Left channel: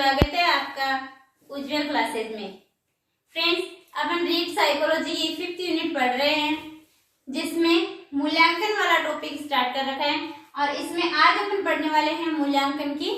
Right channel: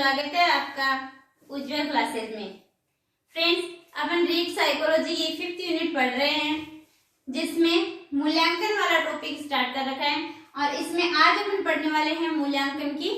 स्वागत है आपका उज्जवल क्लासेज में। फ्रेंड्स, अपन रीड साइकोलॉजी की 5th यूनिट पढ़ रहे हैं, जिसमें मूल्यांकन वाला टॉपिक स्टार्ट कर रखा है और इसमें आज अपन पढ़ने वाले हैं मूल्यांकन की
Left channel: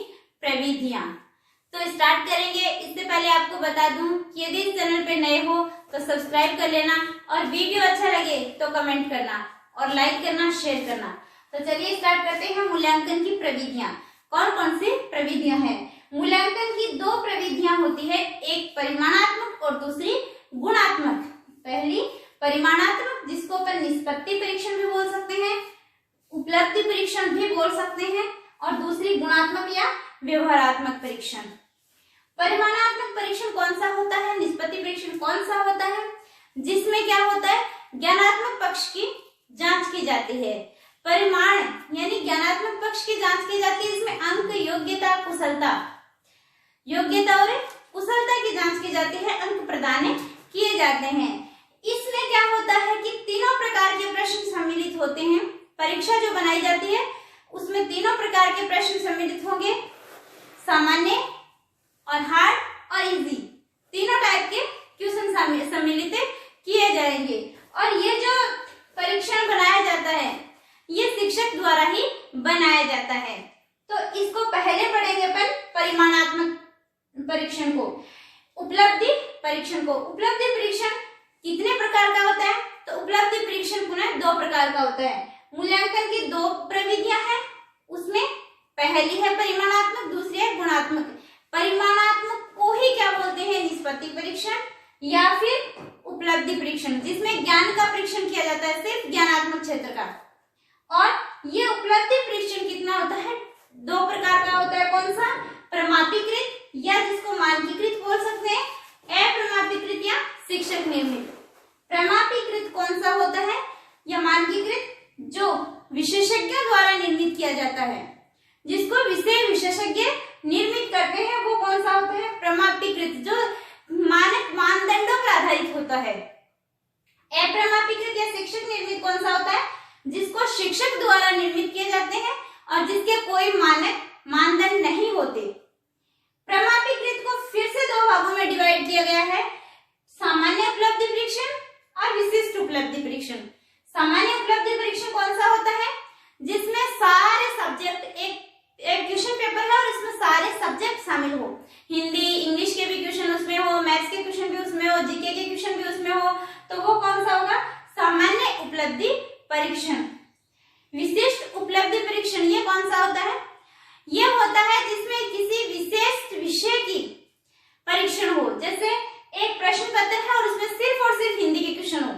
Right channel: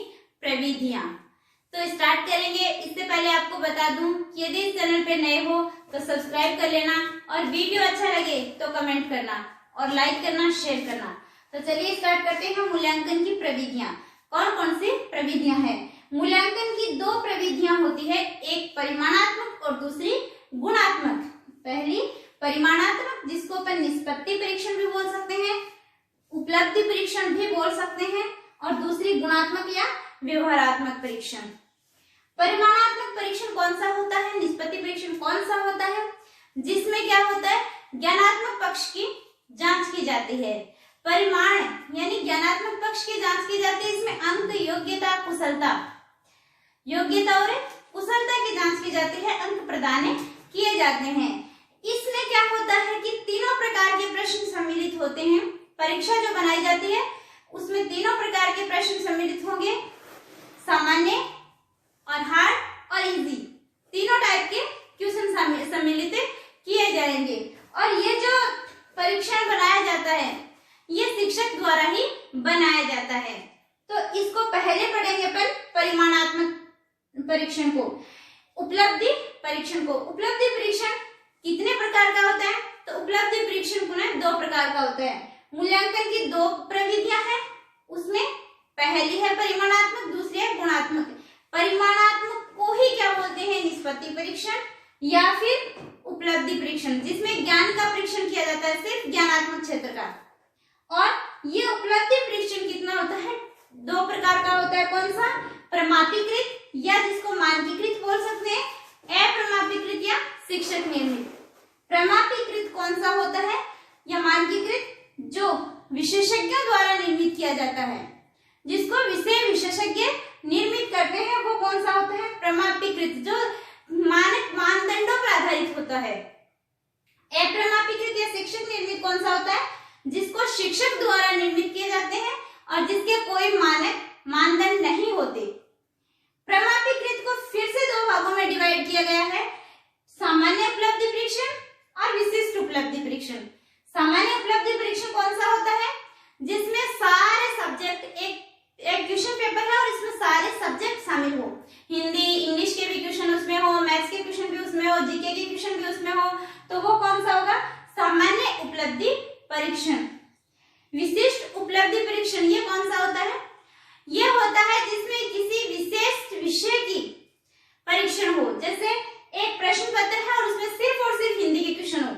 प्रविधियां। तो स्टार्ट करेंगे। इससे पहले आपको बता दूं कि यदि इस चैनल पे नए हो तो सब्सक्राइब कर लेना और वीडियो अच्छा लगे तो कमेंट करना और लाइक करना, शेयर करना। तो चलिए स्टार्ट करते हैं मूल्यांकन की प्रविधियां। कौन कौन सी प्रविधियां हैं? मूल्यांकन की 2 प्रविधियां होती है, एक परिमाणात्मक और दूसरी गुणात्मक। पहली परिमाणात्मक, जिसको अपन निष्पत्ति परीक्षण भी बोल सकते हैं, उपलब्धि परीक्षण भी बोल सकते हैं, और दूसरी गुणात्मक या व्यवहारात्मक परीक्षण। परिमाणात्मक परीक्षण कौन सा होता है, निष्पत्ति परीक्षण कौन सा होता है, जिसमें क्या होता है, ज्ञानात्मक पक्ष की जांच की जाती है। परिमाण यानी ज्ञानात्मक पक्ष की जांच की जाती है, इसमें अंक, योग्यता, कुशलता, योग्यता और कुशलता की जांच की जाती है, अंक प्रदान किए जाते हैं। इसमें क्या होता है कि तीनों प्रकार के प्रश्न सम्मिलित होते हैं। परीक्षा जो बनाई जाती है उसमें तीनों प्रकार के प्रश्न सम्मिलित होंगे, सामान्य और हार्ड और इजी, तीनों टाइप के क्वेश्चन सम्मिलित किए जाएंगे। और ये जो परीक्षण बनाया जाता है ये शिक्षक द्वारा ही बनाया जाता है। तो इसको पहले पढ़ेंगे अपन परिमाणात्मक परीक्षण को, उपलब्धि परीक्षण को। उपलब्धि परीक्षण कितने प्रकार का होता है? तो उपलब्धि परीक्षण पुनः 2 प्रकार का होता है। मूल्यांकन की 2 प्रविधियां हैं, उसमें पहली है परिमाणात्मक, दूसरी है गुणात्मक। परिमाणात्मक को ही क्या बोलते हैं, निष्पत्ति परीक्षण या फिर उपलब्धि परीक्षण, जिसमें ज्ञान का परीक्षण किया जाता है, सिर्फ ज्ञानात्मक क्षेत्र का। और ये उपलब्धि परीक्षण कितना होता है, 2 प्रकार का होता है। कौन सा? प्रमापीकृत या जिसको मानकीकृत बोल सकते हैं, अप्रमापीकृत या शिक्षक निर्मित। प्रमापीकृत कौन सा होता है या मानकीकृत, जो विशेषज्ञों द्वारा निर्मित किया जाता है, जिसको विषय विशेषज्ञ निर्मित करते हैं, वो कौन सा होता है, प्रमापीकृत, जो मानक मानदंडों पर आधारित होता है। अप्रमापीकृत या शिक्षक निर्मित कौन सा होता है, जिसको शिक्षक द्वारा निर्मित किए जाते हैं और जिसके कोई मानक मानदंड नहीं होते। प्रमापीकृत को फिर से 2 भागों में डिवाइड किया गया है, सामान्य उपलब्धि परीक्षण और विशिष्ट उपलब्धि परीक्षण। सामान्य उपलब्धि परीक्षण कौन सा होता है, जिसमें सारे सब्जेक्ट एक क्वेश्चन पेपर है और इसमें सारे सब्जेक्ट शामिल हो, हिंदी इंग्लिश के भी क्वेश्चन उसमें हो, मैथ्स के क्वेश्चन भी उसमें हो, जीके के क्वेश्चन भी उसमें हो, तो वो कौन सा होगा, सामान्य उपलब्धि परीक्षण। विशिष्ट उपलब्धि परीक्षण ये कौन सा होता है, ये होता है जिसमें किसी विशेष विषय की परीक्षण हो, जैसे एक प्रश्न पत्र है और उसमें सिर्फ और सिर्फ हिंदी के क्वेश्चन हो,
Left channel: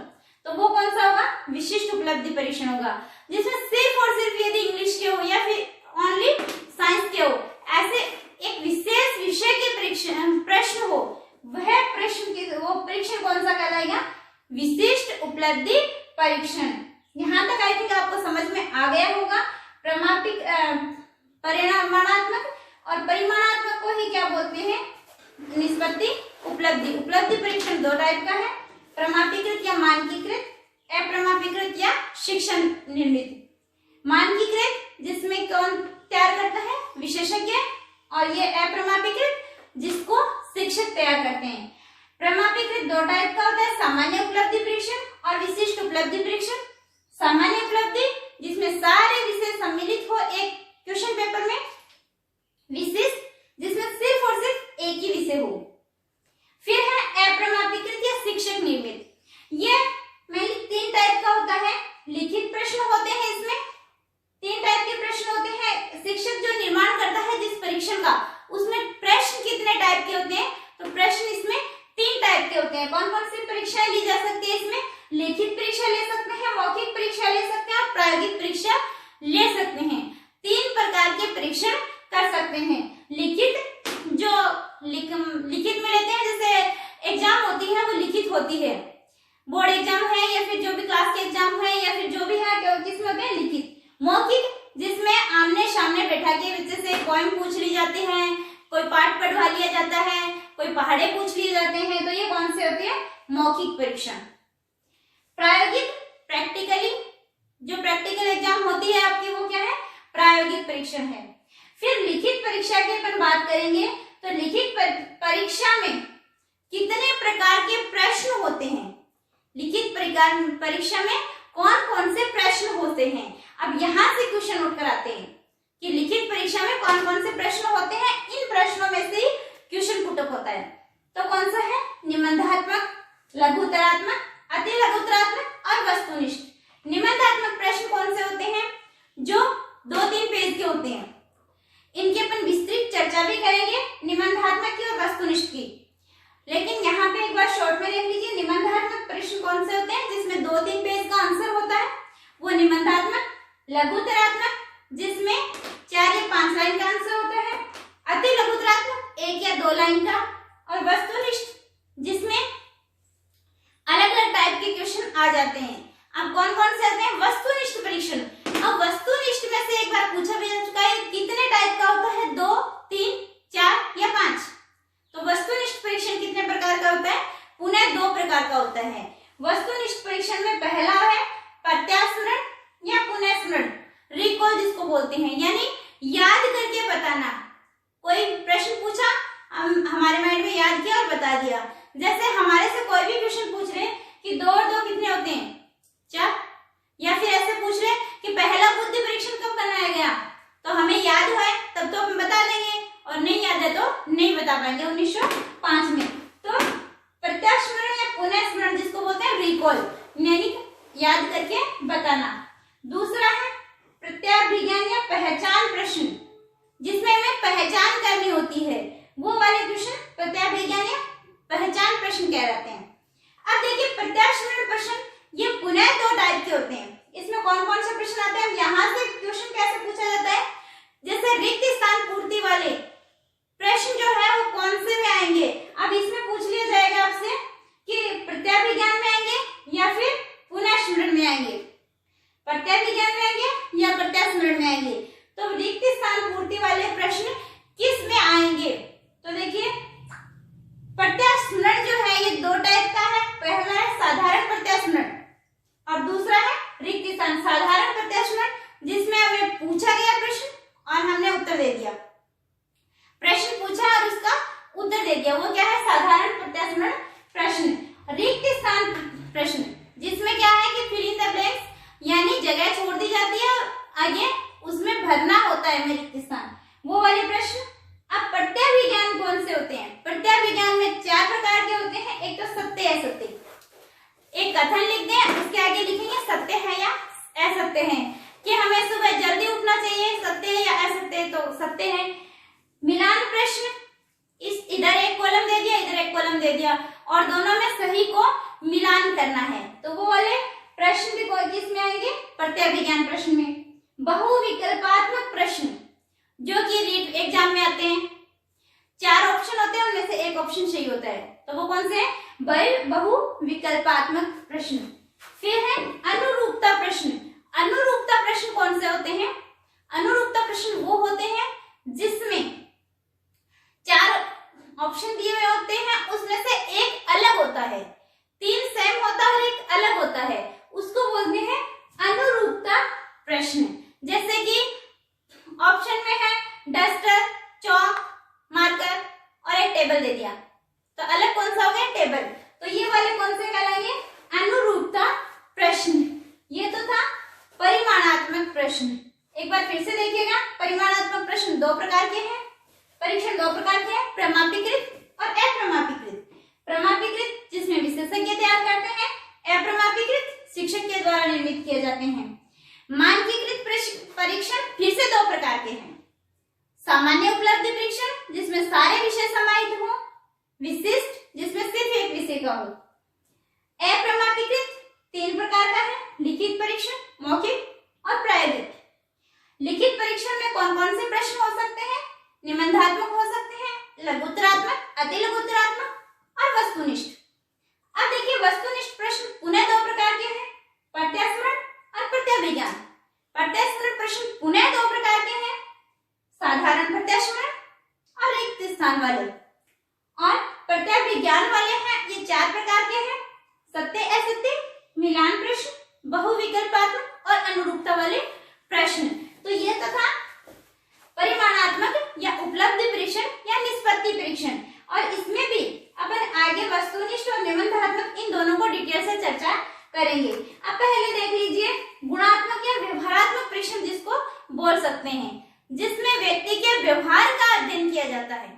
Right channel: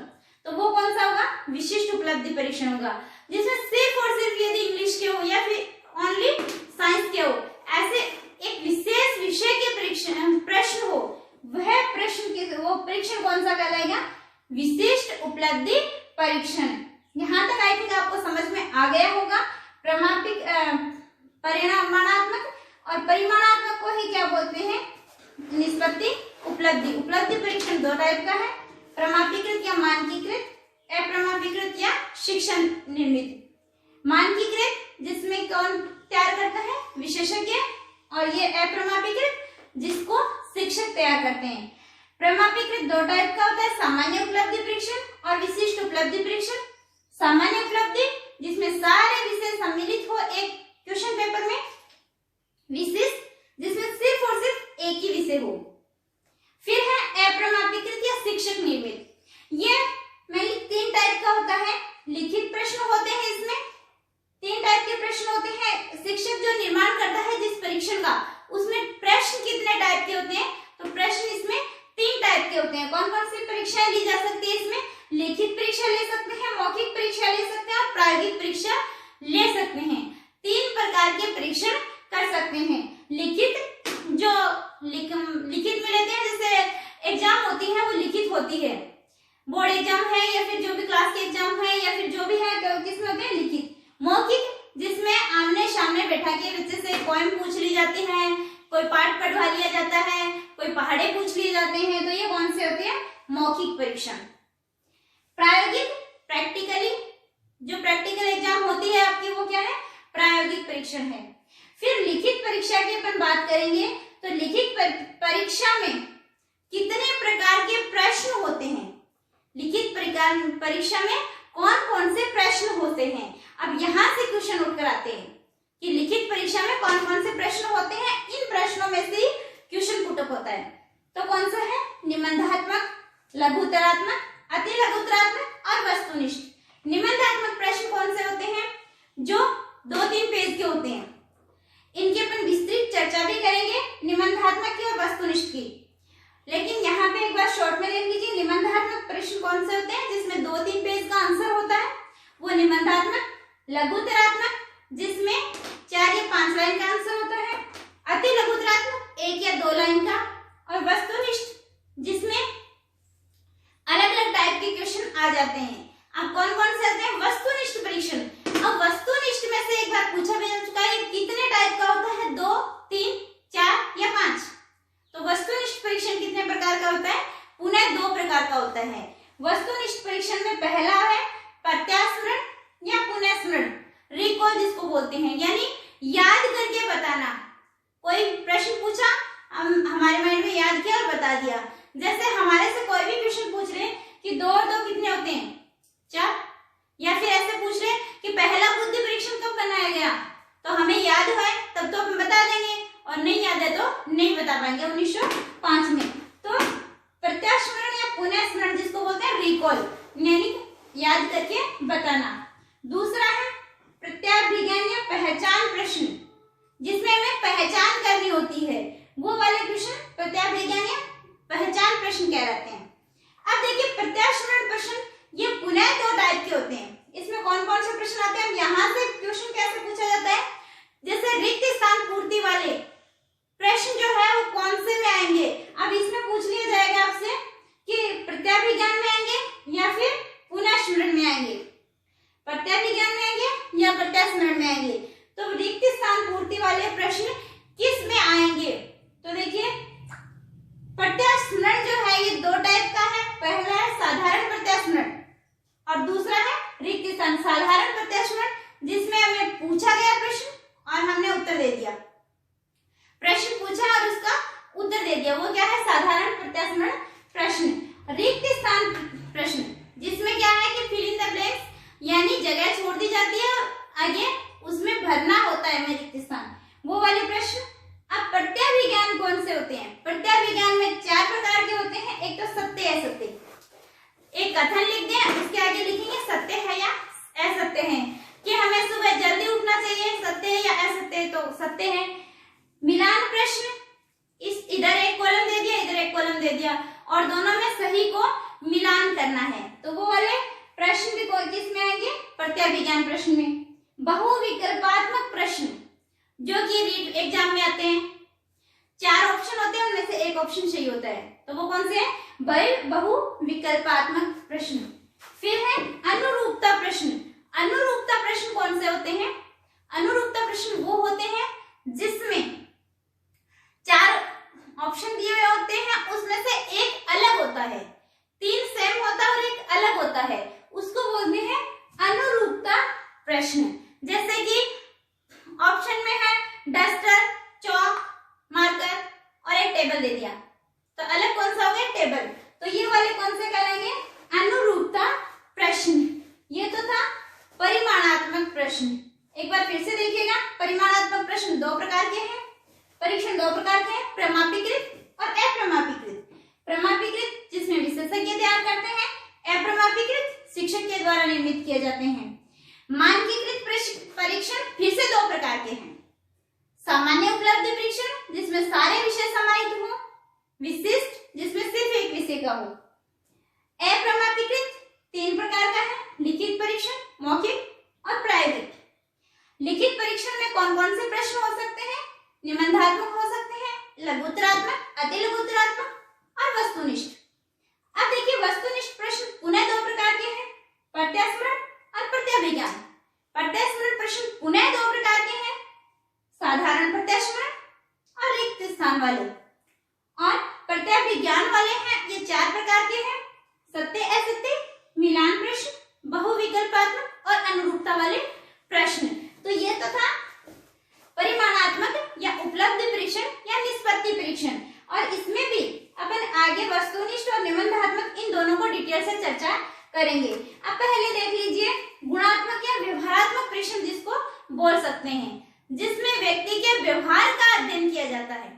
तो वो कौन सा होगा, विशिष्ट उपलब्धि परीक्षण होगा। जिसमें सिर्फ और सिर्फ यदि इंग्लिश के हो या फिर ओनली साइंस के हो, ऐसे एक विशेष विषय के प्रश्न हो, वह प्रश्न के वो परीक्षण कौन सा कहलाएगा, विशिष्ट उपलब्धि परीक्षण। यहाँ तक आई थिंक आपको समझ में आ गया होगा। परिमाणात्मक और परिमाणात्मक को ही क्या बोलते हैं, निष्पत्ति उपलब्धि। उपलब्धि परीक्षण 2 टाइप का है, प्रमापीकृत या मानकीकृत, अप्रमापीकृत या शिक्षण निर्मित। मानकीकृत जिसमें कौन तैयार करता है, विशेषज्ञ, और ये अप्रमापीकृत जिसको शिक्षक तैयार करते हैं। प्रमापीकृत 2 टाइप का होता है, सामान्य उपलब्धि परीक्षण और विशिष्ट उपलब्धि परीक्षण। सामान्य उपलब्धि जिसमें सारे विषय सम्मिलित हो एक क्वेश्चन पेपर में, विशिष्ट जिसमें सिर्फ और सिर्फ एक ही विषय हो। फिर है अप्रमापीकृत या शिक्षक निर्मित, ये मेनली 3 टाइप का होता है। लिखित प्रश्न होते हैं, इसमें 3 टाइप के प्रश्न होते हैं। शिक्षक जो निर्माण करता है जिस परीक्षण का, उसमें प्रश्न कितने टाइप के होते हैं, तो प्रश्न इसमें 3 टाइप के होते हैं। कौन कौन सी परीक्षाएं ली जा सकती है इसमें, लिखित परीक्षा ले सकते हैं, मौखिक परीक्षा ले सकते हैं और प्रायोगिक परीक्षा ले सकते हैं। 3 प्रकार के परीक्षण कर सकते हैं। लिखित जो लिखित में लेते हैं, जैसे एग्जाम होती है वो लिखित होती है, बोर्ड एग्जाम है या फिर जो भी क्लास के एग्जाम है या फिर जो भी है, किसमें होते हैं, लिखित। मौखिक जिसमें आमने सामने बैठा के बच्चे से पोएम पूछ ली जाती है, कोई पाठ पढ़वा लिया जाता है, कोई पहाड़े पूछ लिए जाते हैं, तो ये कौन से होते हैं, मौखिक परीक्षण। प्रायोगिक प्रैक्टिकली जो प्रैक्टिकल एग्जाम होती है आपकी, वो क्या है, प्रायोगिक परीक्षण है। फिर लिखित परीक्षा की अपन बात करेंगे तो लिखित परीक्षा में कितने प्रकार के प्रश्न होते हैं, लिखित परीक्षा में कौन कौन से प्रश्न होते हैं। अब यहाँ से क्वेश्चन नोट कराते हैं कि लिखित परीक्षा में कौन कौन से प्रश्न होते हैं। इन प्रश्नों में से क्वेश्चन पुटअप होता है। तो कौन सा है? निबंधात्मक, लघुत्तरात्मक, अति लघुत्तरात्मक और वस्तुनिष्ठ। निबंधात्मक प्रश्न कौन से होते हैं? जो 2-3 पेज के होते हैं। इनकी अपन विस्तृत चर्चा भी करेंगे, निबंधात्मक की और वस्तुनिष्ठ की। लेकिन यहाँ पे एक बार शॉर्ट में देख लीजिए, निबंधात्मक प्रश्न कौन से होते हैं जिसमें 2-3 पेज का आंसर होता है, वो निबंधात्मक। लघुत्तरात्मक जिसमें 4 या 5 लाइन का आंसर होता है। अति लघुत्तरात्मक 1 या 2 लाइन का। और वस्तुनिष्ठ जिसमें अलग अलग टाइप के क्वेश्चन आ जाते हैं। अब कौन कौन से आते हैं? वस्तुनिष्ठ परीक्षण। अब वस्तुनिष्ठ में से एक बार पूछा भी जा चुका है, कितने टाइप का होता है? 2, 3, 4 या 5। तो वस्तुनिष्ठ परीक्षण कितने प्रकार का होता है? पुनः 2 प्रकार का होता है। वस्तुनिष्ठ परीक्षण में पहला है प्रत्यास्मरण या पुनः स्मरण, रिकॉल जिसको बोलते हैं, यानी याद करके बताना। कोई प्रश्न पूछा, हम हमारे माइंड में याद किया और बता दिया। जैसे हमारे से कोई भी क्वेश्चन पूछ रहे कि 2 और 2 कितने होते हैं? 4। या फिर ऐसे पूछ रहे कि पहला बुद्धि परीक्षण कब बनाया गया, तो हमें याद है तब तो हम बता देंगे, और नहीं याद है तो नहीं बता पाएंगे। 1905 में। तो प्रत्यास्मरण या पुनः स्मरण जिसको बोलते हैं रिकॉल, यानी याद करके बताना। दूसरा है प्रत्याभिज्ञान या पहचान प्रश्न, जिसमें हमें पहचान करनी होती है, वो वाले क्वेश्चन प्रत्याभिज्ञान या पहचान प्रश्न कहलाते हैं। अब देखिए प्रत्यास्मरण प्रश्न ये पुनः 2 टाइप के होते हैं। इसमें कौन कौन से प्रश्न आते हैं? यहाँ से क्वेश्चन कैसे पूछा जाता है? जैसे रिक्त स्थान पूर्ति वाले प्रश्न जो है वो कौन से में आएंगे? अब इसमें पूछ लिया जाएगा आपसे कि प्रत्याभिज्ञान में आएंगे या फिर पुनः स्मरण में आएंगे, प्रत्याभिज्ञान में आएंगे या प्रत्यास्मरण में आएंगे। तो रिक्त स्थान पूर्ति वाले प्रश्न किस में आएंगे? तो देखिए प्रत्यास्मरण जो है ये 2 टाइप का है। पहला है साधारण प्रत्यास्मरण और दूसरा है रिक्त स्थान। साधारण प्रत्यास्मरण जिसमें हमें पूछा गया प्रश्न और हमने उत्तर दे दिया, प्रश्न पूछा और उसका उत्तर दे दिया, वो क्या है? साधारण प्रत्यास्मरण प्रश्न। रिक्त स्थान प्रश्न जिसमें क्या है कि फिल इन द ब्लैंक्स, यानी जगह छोड़ दी जाती है और आगे उसमें भरना होता है में रिक्त स्थान, वो वाले प्रश्न। अब प्रत्याभिज्ञान कौन से होते हैं? प्रत्याभिज्ञान में 4 प्रकार के होते हैं। एक तो सत्य असत्य, एक कथन लिख दें, उसके आगे लिखेंगे सत्य है या असत्य है, कि हमें सुबह जल्दी उठना चाहिए, सत्य है या असत्य है, तो सत्य है। मिलान प्रश्न, इस इधर एक कॉलम दे दिया, इधर एक कॉलम दे दिया और दोनों में सही को मिलान करना है, तो वो वाले प्रश्न भी किस में आएंगे? प्रत्याभिज्ञान प्रश्न में। बहुविकल्पात्मक प्रश्न जो कि रीट एग्जाम में आते हैं, 4 ऑप्शन होते हैं, उनमें से एक ऑप्शन सही होता है, तो वो कौन से हैं? बहुविकल्पात्मक प्रश्न। फिर है अनुरूपता प्रश्न। अनुरूपता प्रश्न कौन से होते हैं? अनुरूपता प्रश्न वो होते हैं जिसमें 4 ऑप्शन दिए हुए होते हैं, उसमें से एक अलग होता है, 3 सेम होता है और एक अलग होता है, उसको बोलते हैं अनुरूपता प्रश्न। जैसे कि ऑप्शन में है डस्टर, चौक, मार्कर और एक टेबल दे दिया, तो अलग कौन सा हो गया? टेबल। तो ये वाले कौन से कहलाएंगे? अनुरूपता प्रश्न। ये तो था परिमाणात्मक प्रश्न। एक बार फिर से देखिएगा, परिमाणात्मक प्रश्न 2 प्रकार के हैं, परीक्षण 2 प्रकार के हैं, प्रमापीकृत और अप्रमापीकृत। प्रमापीकृत जिसमें विशेषज्ञ तैयार करते हैं, अप्रमापीकृत शिक्षक के द्वारा निर्मित किए जाते हैं। मानकीकृत परीक्षण फिर से 2 प्रकार के हैं, सामान्य उपलब्धि परीक्षण जिसमें सारे विषय समाहित हो, विशिष्ट जिसमें सिर्फ एक विषय का हो। अप्रमापीकृत 3 प्रकार का है, लिखित परीक्षण, मौखिक और प्रायोगिक। लिखित परीक्षण में कौन कौन से प्रश्न हो सकते हैं? निबंधात्मक हो सकते हैं, लघुत्तरात्मक, अति लघुत्तरात्मक और वस्तुनिष्ठ। अब देखिए वस्तुनिष्ठ प्रश्न पुनः 2 प्रकार के हैं, प्रत्यास्मरण और प्रत्याभिज्ञान। प्रत्यास्मरण प्रश्न पुनः 2 प्रकार के हैं, साधारण प्रत्यास्मरण और रिक्त स्थान वाले। और प्रत्याभिज्ञान वाले हैं ये 4 प्रकार के हैं, सत्य असत्य, मिलान प्रश्न, बहुविकल्पात्मक और अनुरूपता वाले प्रश्न। तो ये तो था परिमाणात्मक या उपलब्धि परीक्षण या निष्पत्ति संपत्ति परीक्षण। और इसमें भी अपन आगे वस्तुनिष्ठ और निबंधात्मक इन दोनों को डिटेल से चर्चा करेंगे। अब पहले देख लीजिए गुणात्मक या व्यवहारात्मक परीक्षण जिसको बोल सकते हैं, जिसमें व्यक्ति के व्यवहार का अध्ययन किया जाता है।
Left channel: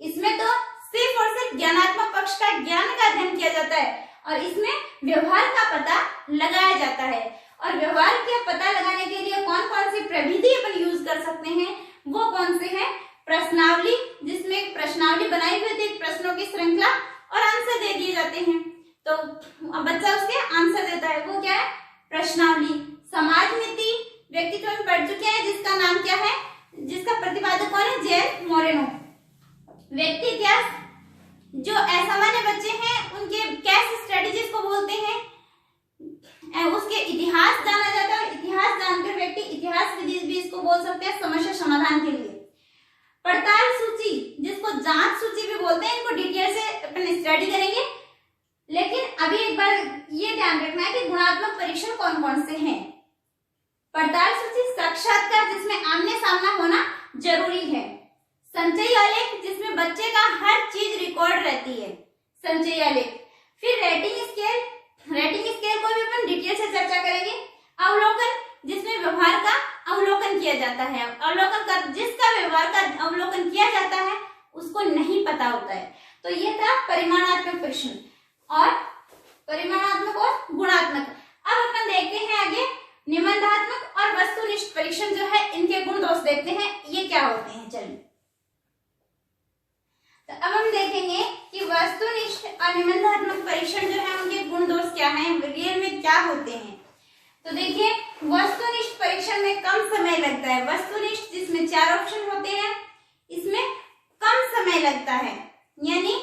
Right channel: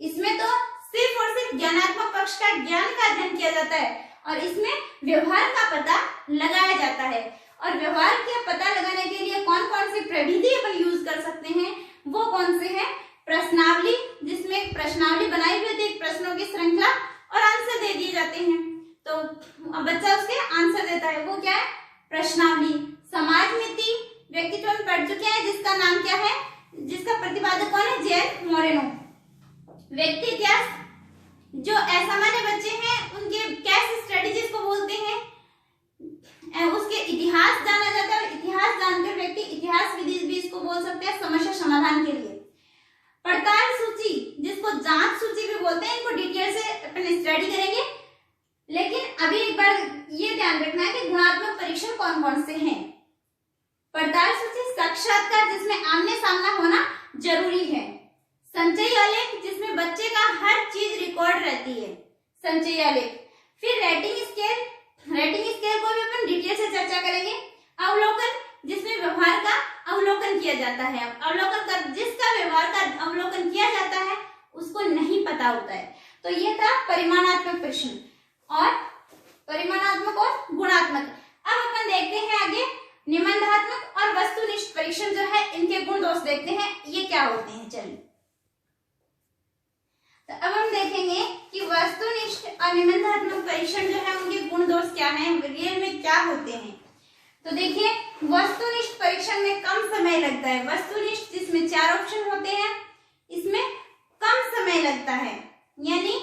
इसमें तो सिर्फ और सिर्फ ज्ञानात्मक पक्ष का ज्ञान का अध्ययन किया जाता है और इसमें व्यवहार का पता लगाया जाता है। और व्यवहार का पता लगाने के लिए कौन कौन सी प्रविधि अपन यूज कर सकते हैं, वो कौन से हैं? प्रश्नावली, जिसमें एक प्रश्नावली बनाई हुई होती है, प्रश्नों की श्रृंखला और आंसर दे दिए जाते हैं, तो बच्चा उसके आंसर देता है, वो क्या है? प्रश्नावली। समाज नीति व्यक्तित्व में पढ़ चुके हैं, जिसका नाम क्या है, जिसका प्रतिपादक कौन है? जेन मोरेनो। व्यक्ति इतिहास, जो असामान्य बच्चे हैं उनके केस स्टडी जिसको बोलते हैं, उसके इतिहास जाना जाता है। इतिहास जानकर व्यक्ति इतिहास विधि भी इसको बोल सकते हैं समस्या समाधान के लिए। पड़ताल सूची, जिसको जांच सूची भी बोलते हैं, इनको डिटेल से अपन स्टडी करेंगे। लेकिन अभी एक बार ये ध्यान रखना है कि गुणात्मक परीक्षण कौन कौन से हैं। पड़ताल सूची, साक्षात्कार जिसमें आमने सामना होना जरूरी है। संचयी आलेख, जिसमें बच्चे का हर चीज रिकॉर्ड रहती है, संचयी आलेख। फिर रेटिंग स्केल, रेटिंग स्केल को भी अपन डिटेल से चर्चा करेंगे। अवलोकन, जिसमें व्यवहार का अवलोकन किया जाता है। अवलोकन कर, जिसका व्यवहार का अवलोकन किया जाता है उसको नहीं पता होता है। तो ये था परिमाणात्मक परीक्षण और परिमाणात्मक और गुणात्मक। अब अपन देखते हैं आगे निबंधात्मक और वस्तुनिष्ठ परीक्षण जो है, इनके गुण दोष देखते हैं ये क्या होते हैं। चलिए तो अब हम देखेंगे कि वस्तुनिष्ठ और निबंधात्मक परीक्षण जो है उनके गुण दोष क्या हैं, रियल में क्या होते हैं। तो देखिए वस्तुनिष्ठ परीक्षण में कम समय लगता है। वस्तुनिष्ठ जिसमें 4 ऑप्शन होते हैं, इसमें कम समय लगता है, यानी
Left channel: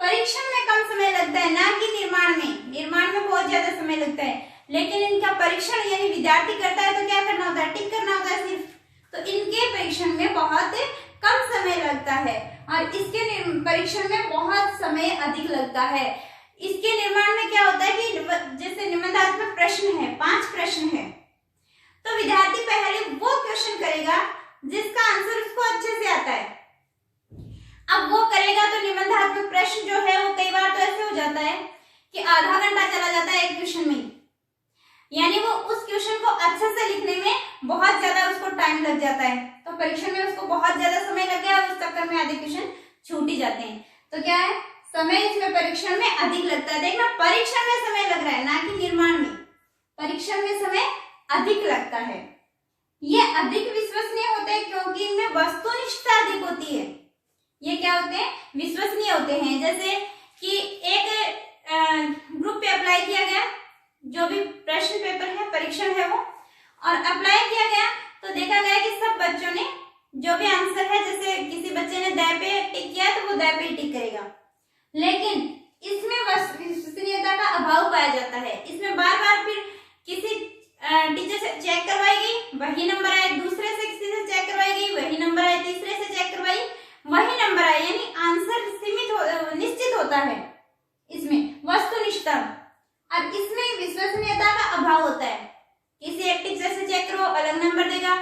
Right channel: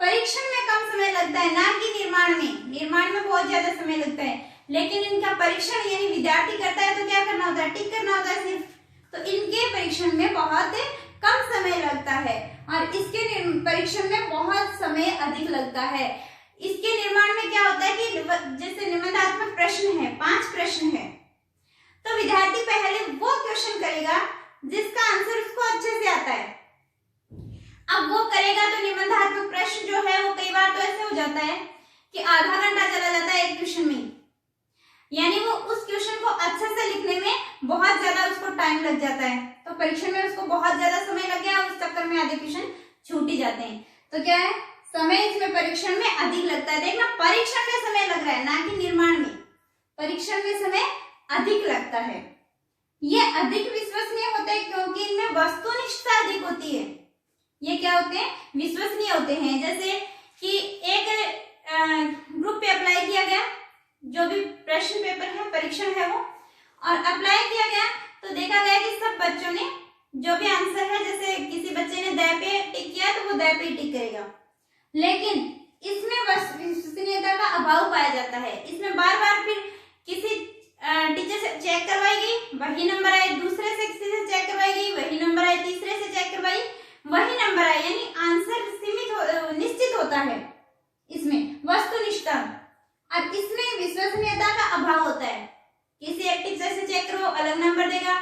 परीक्षण में कम समय लगता है, ना कि निर्माण में। निर्माण में बहुत ज्यादा समय लगता है, लेकिन इनका परीक्षण यानी विद्यार्थी करता है तो क्या करना होता है? टिक करना होता है सिर्फ। तो इनके परीक्षण में बहुत कम समय लगता है और इसके परीक्षण में बहुत समय अधिक लगता है। इसके निर्माण में क्या होता है कि जैसे निबंधात्मक प्रश्न है, 5 प्रश्न है, तो विद्यार्थी पहले वो क्वेश्चन करेगा जिसका आंसर उसको अच्छे से आता है। अब वो करेगा तो निबंधात्मक प्रश्न जो है वो कई बार तो ऐसे हो जाता है कि आधा घंटा चला जाता है एक क्वेश्चन में, यानी वो उस क्वेश्चन को अच्छे से लिखने में बहुत ज्यादा उसको टाइम लग जाता है। तो परीक्षण में उसको बहुत ज्यादा समय लग गया और उस चक्कर में आधे क्वेश्चन छूट ही जाते हैं। तो क्या है, समय इसमें परीक्षण में अधिक लगता है। देखना, परीक्षण में समय लग रहा है, ना कि निर्माण में। परीक्षण में समय अधिक लगता है। ये अधिक विश्वसनीय होते हैं क्योंकि इनमें वस्तुनिष्ठता अधिक होती है। ये क्या होते हैं? विश्वसनीय होते हैं। जैसे कि एक ग्रुप पे अप्लाई किया गया, जो भी प्रश्न पेपर है, परीक्षण है वो, और अप्लाई किया गया तो देखा गया कि सब बच्चों ने जो भी आंसर है, जैसे किसी बच्चे ने द पे टिक किया तो वो द पे टिक करेगा, लेकिन इसमें विश्वसनीयता का अभाव पाया जाता है। इसमें बार बार फिर किसी टीचर से चेक करवाई गई, वही नंबर आए, दूसरे से किसी से चेक करवाई गई, वही नंबर आए, तीसरे से चेक करवाई, वही नंबर आए, यानी आंसर निश्चित होता है इसमें वस्तुनिष्ठता, और इसमें विश्वसनीयता का अभाव होता है। किसी एक टीचर से चेक करो अलग नंबर देगा,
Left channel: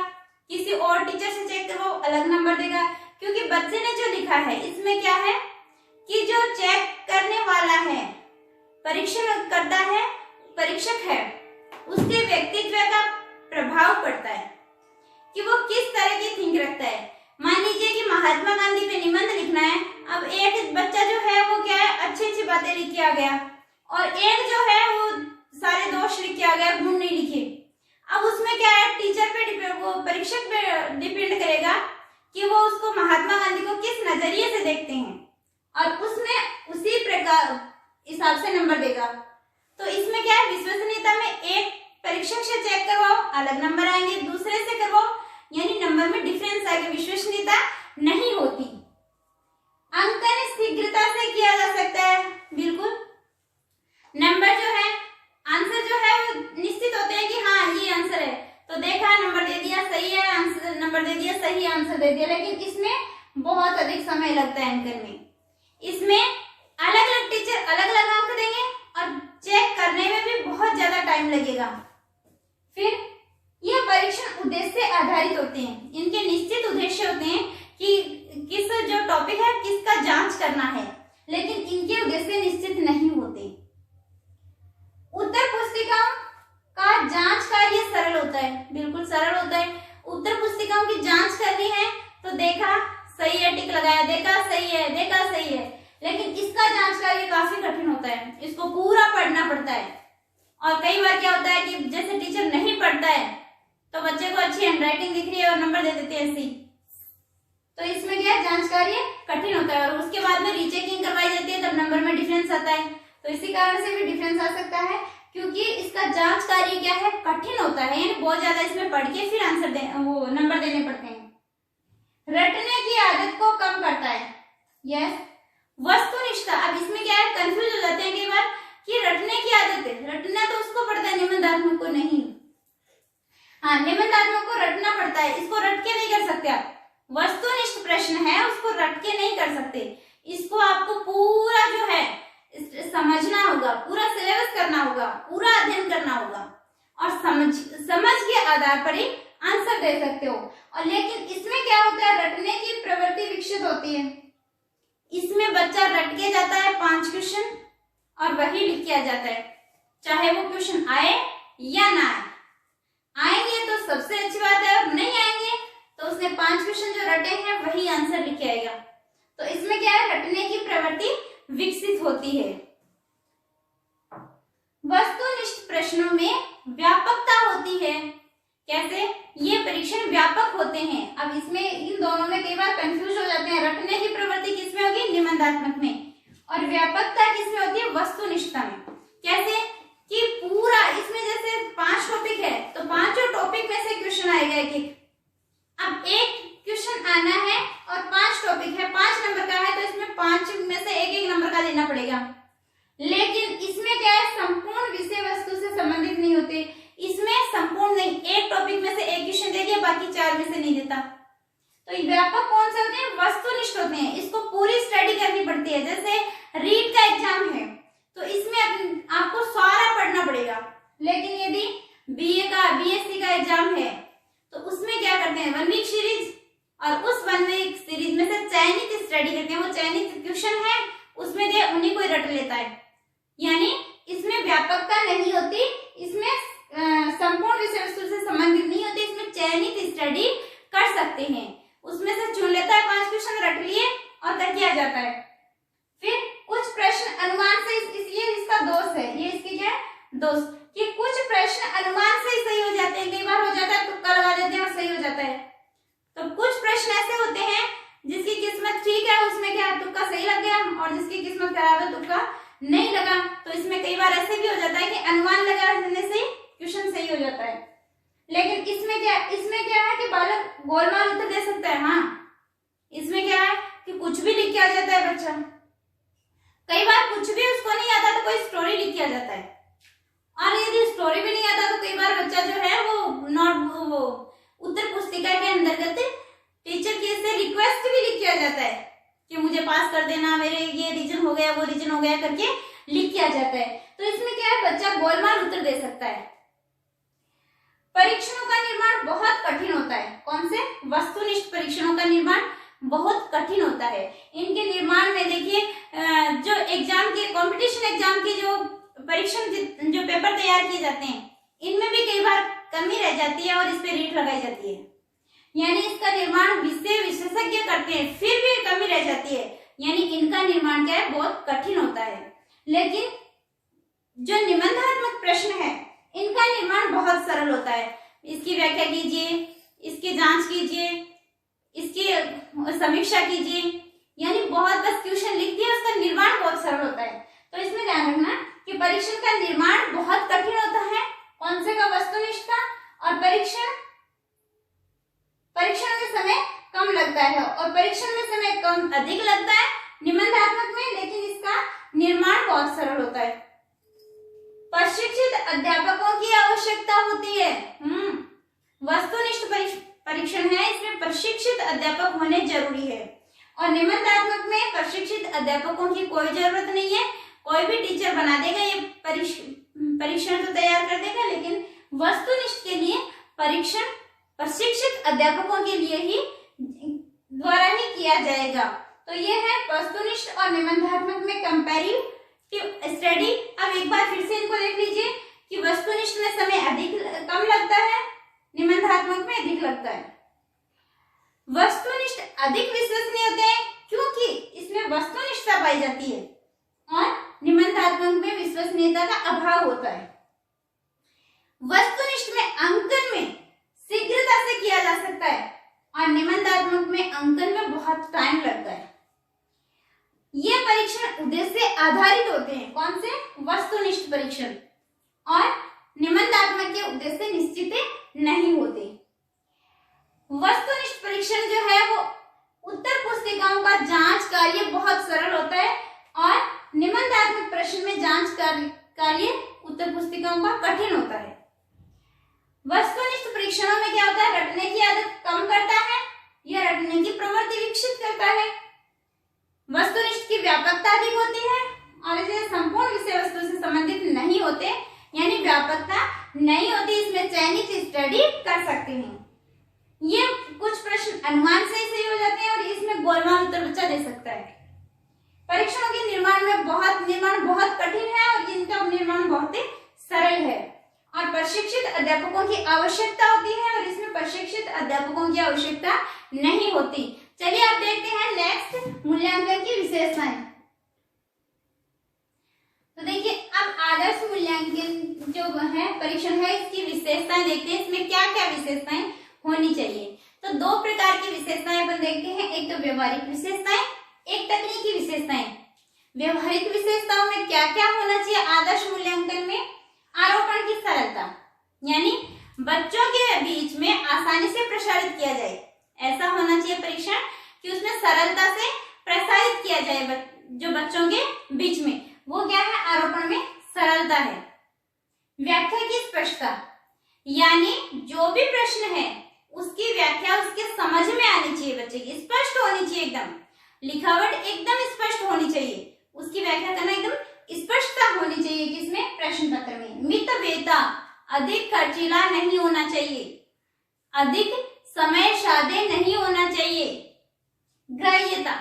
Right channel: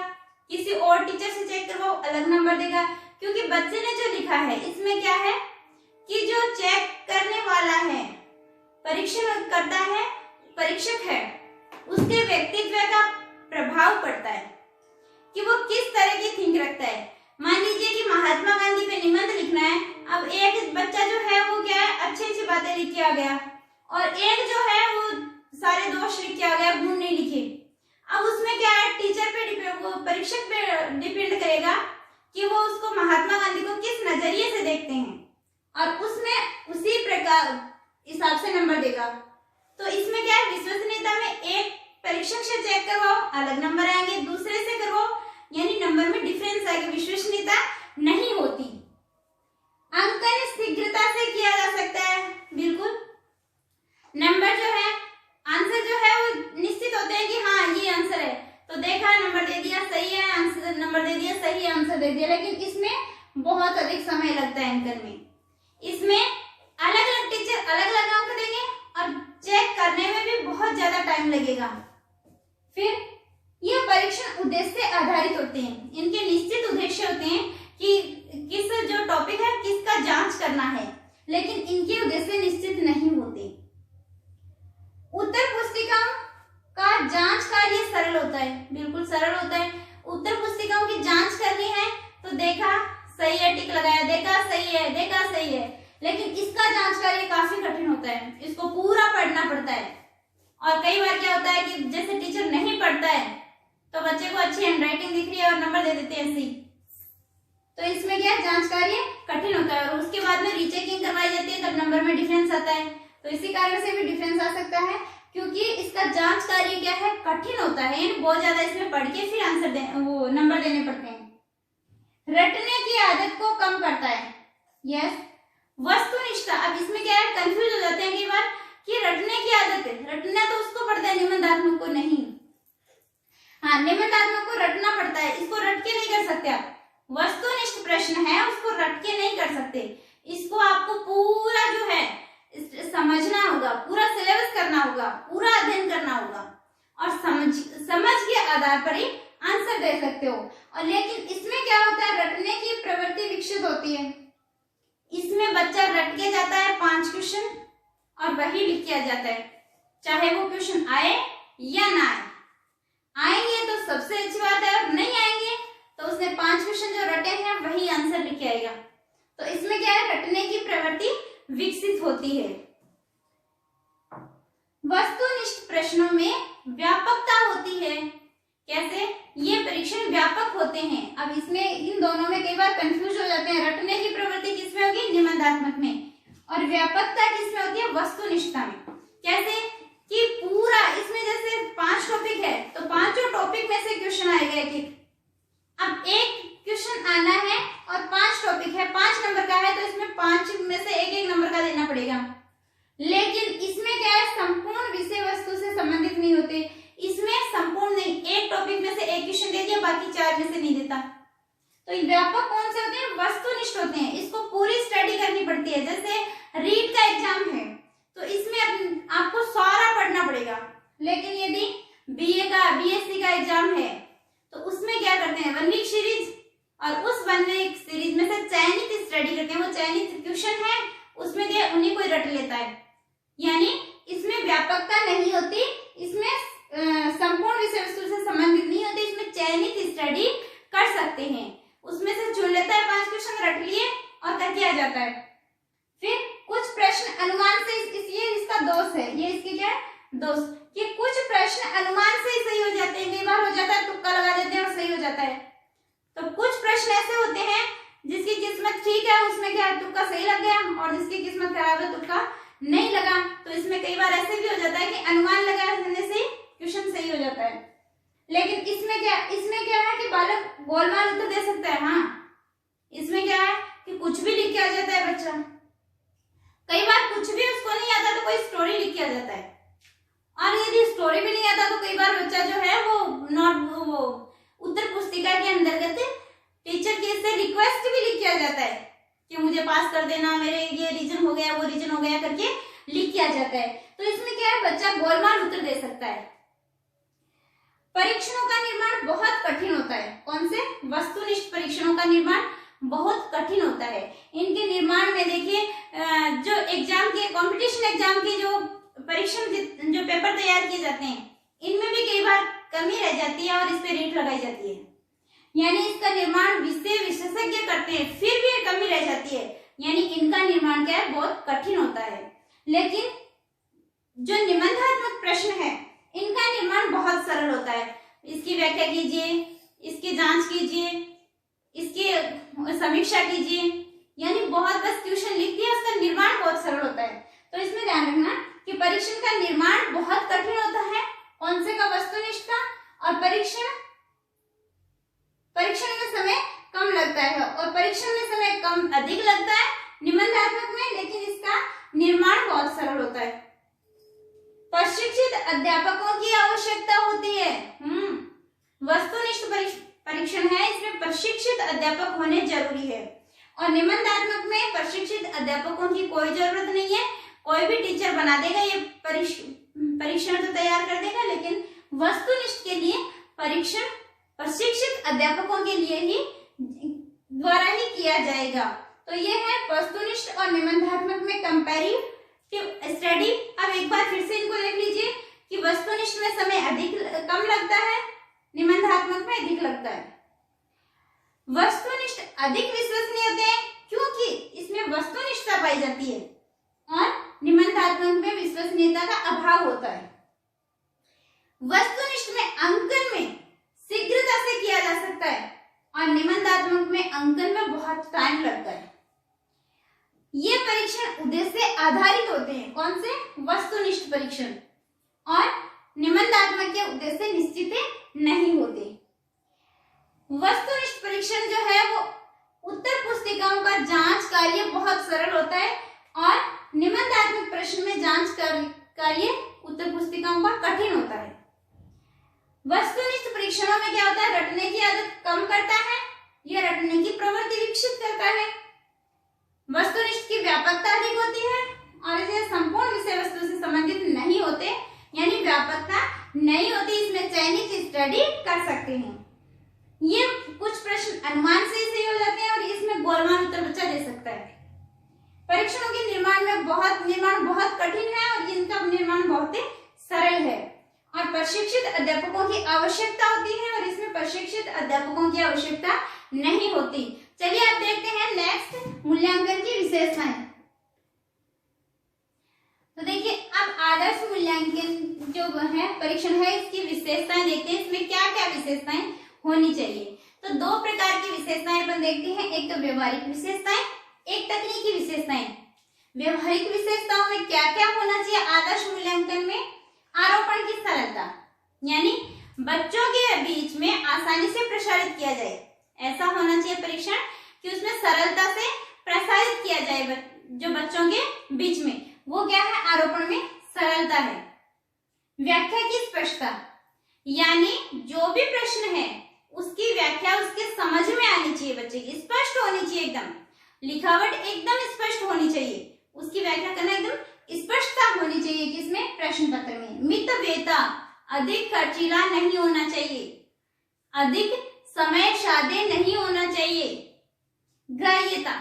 किसी और टीचर से चेक करो अलग नंबर देगा, क्योंकि बच्चे ने जो लिखा है इसमें क्या है कि जो चेक करने वाला है, परीक्षण करता है, परीक्षक है, उसके व्यक्तित्व का प्रभाव पड़ता है कि वो किस तरह की थिंक रखता है। मान लीजिए कि महात्मा गांधी पे निबंध लिखना है, अब एक बच्चा जो है वो क्या है, अच्छी अच्छी बातें लिख के आ गया, और एक जो है वो सारे दोष लिख के आ गया, गुण नहीं लिखे। अब उसमें क्या है, टीचर पे वो परीक्षक पे डिपेंड करेगा कि वो उसको महात्मा गांधी को किस नजरिए से देखते हैं, और उसमें उसी प्रकार हिसाब से नंबर देगा। तो इसमें क्या है, विश्वसनीयता में एक परीक्षक से चेक करवाओ अलग नंबर आएंगे, दूसरे से करवाओ यानी नंबर में डिफरेंस आएगा, विश्वसनीयता नहीं होती। अंकन शीघ्रता से किया जा सकता है, बिल्कुल। नंबर जो है, आंसर जो है वो निश्चित होते हैं कि हाँ ये आंसर है, तो देखा नंबर दे दिया, सही है आंसर, नंबर दे दिया, सही आंसर दे दिया। लेकिन इसमें बहुत अधिक समय लगता है अंकन में। इसमें अलग अलग टीचर अलग अलग अंक देंगे और चेक करने में भी बहुत ज्यादा टाइम लगेगा। फिर यह परीक्षण उद्देश्य आधारित होते हैं, इनके निश्चित उद्देश्य होते हैं कि किस जो टॉपिक है किस करना है, लेकिन इनके उद्देश्य निश्चित नहीं होते। उत्तर पुस्तिकाओं का जांच कार्य सरल होता है, बिल्कुल सरल होता है। उत्तर पुस्तिकाओं की जांच करनी है तो देखा सही है, टिक लगाया, देखा सही है, देखा सही है, लेकिन इसका जांच कार्य काफी कठिन होता है, इसको पूरा पढ़ना पड़ता है। और कई बार क्या होता है कि जैसे टीचर नहीं पढ़ता है तो बच्चे को अच्छी हैंडराइटिंग दिख रही है और नंबर दे देते हैं ऐसे ही, तो इसमें क्या है, जांच कार्य कठिन होता है और उसके बाद में रीचेकिंग करवाई जाती है, तब नंबर में डिफरेंस आता है। तो इसी कारण से भी डिफरेंस आ सकता है, क्योंकि इसका जांच कार्य क्या है, कठिन होता है, यानी बहुत ज्यादा इसमें पढ़ के फिर आंसर वो नंबर देने पड़ते हैं। रटने की आदत को कम करता है, यस। वस्तुनिष्ठता, अब इसमें क्या है, कंफ्यूज हो जाते हैं कई बार कि रटने की आदत है, रटना तो उसको पड़ता है, निबंधात्मक को नहीं। हाँ, निबंधात्मक को रटना पड़ता है, इसको रट के नहीं कर सकते आप। वस्तुनिष्ठ प्रश्न है, उसको रट के नहीं कर सकते, इसको आपको पूरा जो है समझना होगा, पूरा सिलेबस करना होगा, पूरा अध्ययन करना होगा और समझ के आधार पर ही आंसर दे सकते हो। और लेकिन इसमें क्या होता है, रटने की प्रवृत्ति विकसित होती है, इसमें बच्चा रट के जाता है 5 क्वेश्चन और वही लिख के आ जाता है, चाहे वो क्वेश्चन आए या ना आए। आएंगे तो सबसे अच्छी बात है, और नहीं आएंगे तो उसने 5 क्वेश्चन जो रटे हैं वही आंसर लिख के आएगा। तो इसमें क्या है, रटने की प्रवृत्ति विकसित होती है। वस्तुनिष्ठ प्रश्नों में व्यापकता होती है, कैसे, ये परीक्षण व्यापक होते हैं। अब इसमें इन दोनों में कई बार कंफ्यूज हो जाते हैं, रटने की प्रवृत्ति किसमें होगी, निबंधात्मक में, और व्यापकता किसमें होती है, वस्तुनिष्ठता में। कैसे कि पूरा इसमें जैसे 5 टॉपिक है तो 5 टॉपिक में से क्वेश्चन आएगा एक। अब एक क्वेश्चन आना है और 5 टॉपिक है, 5 नंबर का है, तो इसमें 5 में से एक नंबर का देना पड़ेगा। लेकिन इसमें क्या है, संपूर्ण विषय वस्तु से संबंधित नहीं होते, इसमें संपूर्ण नहीं, एक टॉपिक में से एक क्वेश्चन दे दिया, बाकी 4 में से नहीं देता। तो व्यापक कौन से होते हैं, वस्तुनिष्ठ होते हैं, इसको पूरी स्टडी करनी पड़ती है। जैसे रीट का एग्जाम है तो इसमें आपको सारा पढ़ना पड़ेगा, लेकिन यदि बीए का, बीएससी का एग्जाम है तो उसमें क्या करते हैं, 1 वीक सीरीज, और उस 1 वीक सीरीज में से चयनित स्टडी करते हैं, वो चयनित क्वेश्चन है उसमें दे, उन्हीं को रट लेता है। यानी इसमें व्यापकता नहीं होती, इसमें संपूर्ण विषय वस्तु से संबंधित नहीं होती, इसमें चयनित स्टडी कर सकते हैं, उसमें से चुन लेता है, 5 क्वेश्चन रट लिए और करके आ जाता है। फिर कुछ प्रश्न अनुमान से, ये इसका दोष है, ये इसके क्या है, दोष, कि कुछ प्रश्न अनुमान से ही सही हो जाते हैं, कई बार हो जाता है तुक्का लगा देते हैं और सही हो जाता है। तो कुछ प्रश्न ऐसे होते हैं जिसकी किस्मत ठीक है, उसमें क्या है, तुक्का सही लग गया, और जिसकी किस्मत खराब है तुक्का नहीं लगा। तो इसमें कई बार ऐसे भी हो जाता है कि अनुमान लगाने से क्वेश्चन सही हो जाता है। लेकिन इसमें क्या है कि बालक गोलमाल उत्तर दे सकता है। हाँ, इसमें क्या है कि कुछ भी लिख के आ जाता है बच्चा, कई बार कुछ भी उसको नहीं आता तो कोई स्टोरी लिख के आ जाता है, और यदि स्टोरी भी नहीं आता तो कई बार बच्चा जो है वो उत्तर पुस्तिका के अंतर्गत टीचर की से रिक्वेस्ट भी लिख के आ जाता है कि मुझे पास कर देना, मेरे ये रीजन हो गया, वो रीजन हो गया करके लिख के आ जाता है। तो इसमें क्या है, बच्चा गोलमाल उत्तर दे सकता है। परीक्षणों का निर्माण बहुत कठिन होता है, कौन से, वस्तुनिष्ठ परीक्षणों का निर्माण बहुत कठिन होता है। इनके निर्माण में देखिए, जो एग्जाम के, कंपटीशन एग्जाम के जो परीक्षण, जो पेपर तैयार किए जाते हैं, इनमें भी कई बार कमी रह जाती है और इस पे रेट लगाई जाती है, यानी इसका निर्माण विषय विशेषज्ञ करते हैं, फिर भी कमी रह जाती है, यानी इनका निर्माण क्या है, बहुत कठिन होता है। लेकिन जो निबंधात्मक प्रश्न है इनका निर्माण बहुत सरल होता है। इसकी व्याख्या कीजिए, इसकी जांच कीजिए, इसकी समीक्षा कीजिए, यानी बहुत बस क्वेश्चन लिख दिए, उसका निर्माण बहुत सरल होता है। तो इसमें ध्यान रखना कि परीक्षण का निर्माण बहुत कठिन होता है, कौन से का, वस्तुनिष्ठता, और परीक्षण में समय कम लगता है, और परीक्षण में समय कम अधिक लगता है निबंधात्मक में, लेकिन इसका निर्माण बहुत सरल होता है। प्रशिक्षित अध्यापकों की आवश्यकता होती है। वस्तुनिष्ठ परीक्षण है, इसमें प्रशिक्षित अध्यापक होने जरूरी है, और निबंधात्मक में प्रशिक्षित अध्यापकों की कोई जरूरत नहीं है, कोई भी टीचर बना देगा, ये परीक्षण तो तैयार कर देगा, लेकिन वस्तुनिष्ठ के लिए परीक्षण प्रशिक्षित अध्यापकों के लिए ही द्वारा ही किया जाएगा। तो तो ये है वस्तुनिष्ठ और निबंधात्मक में कंपैरेटिव स्टडी। अब एक बार फिर से इनको देख लीजिए कि वस्तुनिष्ठ में समय कम लगता है, निबंधात्मक में अधिक लगता है। वस्तुनिष्ठ अधिक विश्वसनीय होते हैं क्योंकि इसमें वस्तुनिष्ठता पाई जाती है और निबंधात्मक में विश्वसनीयता का अभाव होता है। वस्तुनिष्ठ में अंकन में शीघ्रता से किया जा सकता है और निबंधात्मक में अंकन में बहुत टाइम लगता है। ये परीक्षण उद्देश्य आधारित होते हैं। कौन से? वस्तुनिष्ठ परीक्षण। और निबंधात्मक के उद्देश्य निश्चित नहीं होते। वस्तुनिष्ठ परीक्षण जो है वो उत्तर पुस्तिकाओं का जांच कार्य बहुत सरल होता है और निबंधात्मक प्रश्न में जांच कार्य उत्तर पुस्तिकाओं का कठिन होता है। वस्तुनिष्ठ परीक्षणों में क्या होता है? रटने की आदत कम करता है, यह रटने की प्रवृत्ति विकसित करता है। वस्तुनिष्ठ की व्यापकता अधिक होती है और इसे संपूर्ण विषय वस्तु से संबंधित नहीं होते, यानी व्यापकता नहीं होती, इसमें चयनित स्टडी कर सकते हैं। ये कुछ प्रश्न अनुमान से सही हो जाते हैं और इसमें गोलमाल उत्तर बच्चा दे सकता है। परीक्षणों के निर्माण बहुत कठिन है और इनका निर्माण बहुत ही सरल है और प्रशिक्षित अध्यापकों की आवश्यकता होती है और इसमें प्रशिक्षित अध्यापकों की आवश्यकता नहीं होती। चलिए अब देखते हैं नेक्स्ट मूल्यांकन की विशेषताएं। तो देखिए अब आदर्श मूल्यांकन जो है परीक्षण है इसकी विशेषताएं देखते हैं। इसमें क्या क्या विशेषताएं होनी चाहिए। तो दो प्रकार की विशेषताएं अपन देखते हैं, एक तो व्यवहारिक विशेषताएं, एक तकनीकी विशेषताएं। व्यवहारिक विशेषताओं में क्या क्या होना चाहिए आदर्श मूल्यांकन में? आरोपण की सरलता, यानी बच्चों के बीच में आसानी से प्रसारित किया जाए, ऐसा होना चाहिए परीक्षण कि उसमें सरलता से प्रसारित किया जाए जो बच्चों के बीच में, वो क्या है? आरोपण में सरलता है। व्याख्या की स्पष्टता, यानी जो भी प्रश्न है उसकी व्याख्या उसके समझ में आनी चाहिए, बच्चे की स्पष्ट होनी चाहिए, एकदम लिखावट एकदम स्पष्ट होनी चाहिए, उसकी व्याख्या करना एकदम स्पष्टता होनी चाहिए किसमें? प्रश्न पत्र में। मितव्ययता, अधिक खर्चीला नहीं होना चाहिए, अधिक समय साधे नहीं होना चाहिए। ग्राह्यता,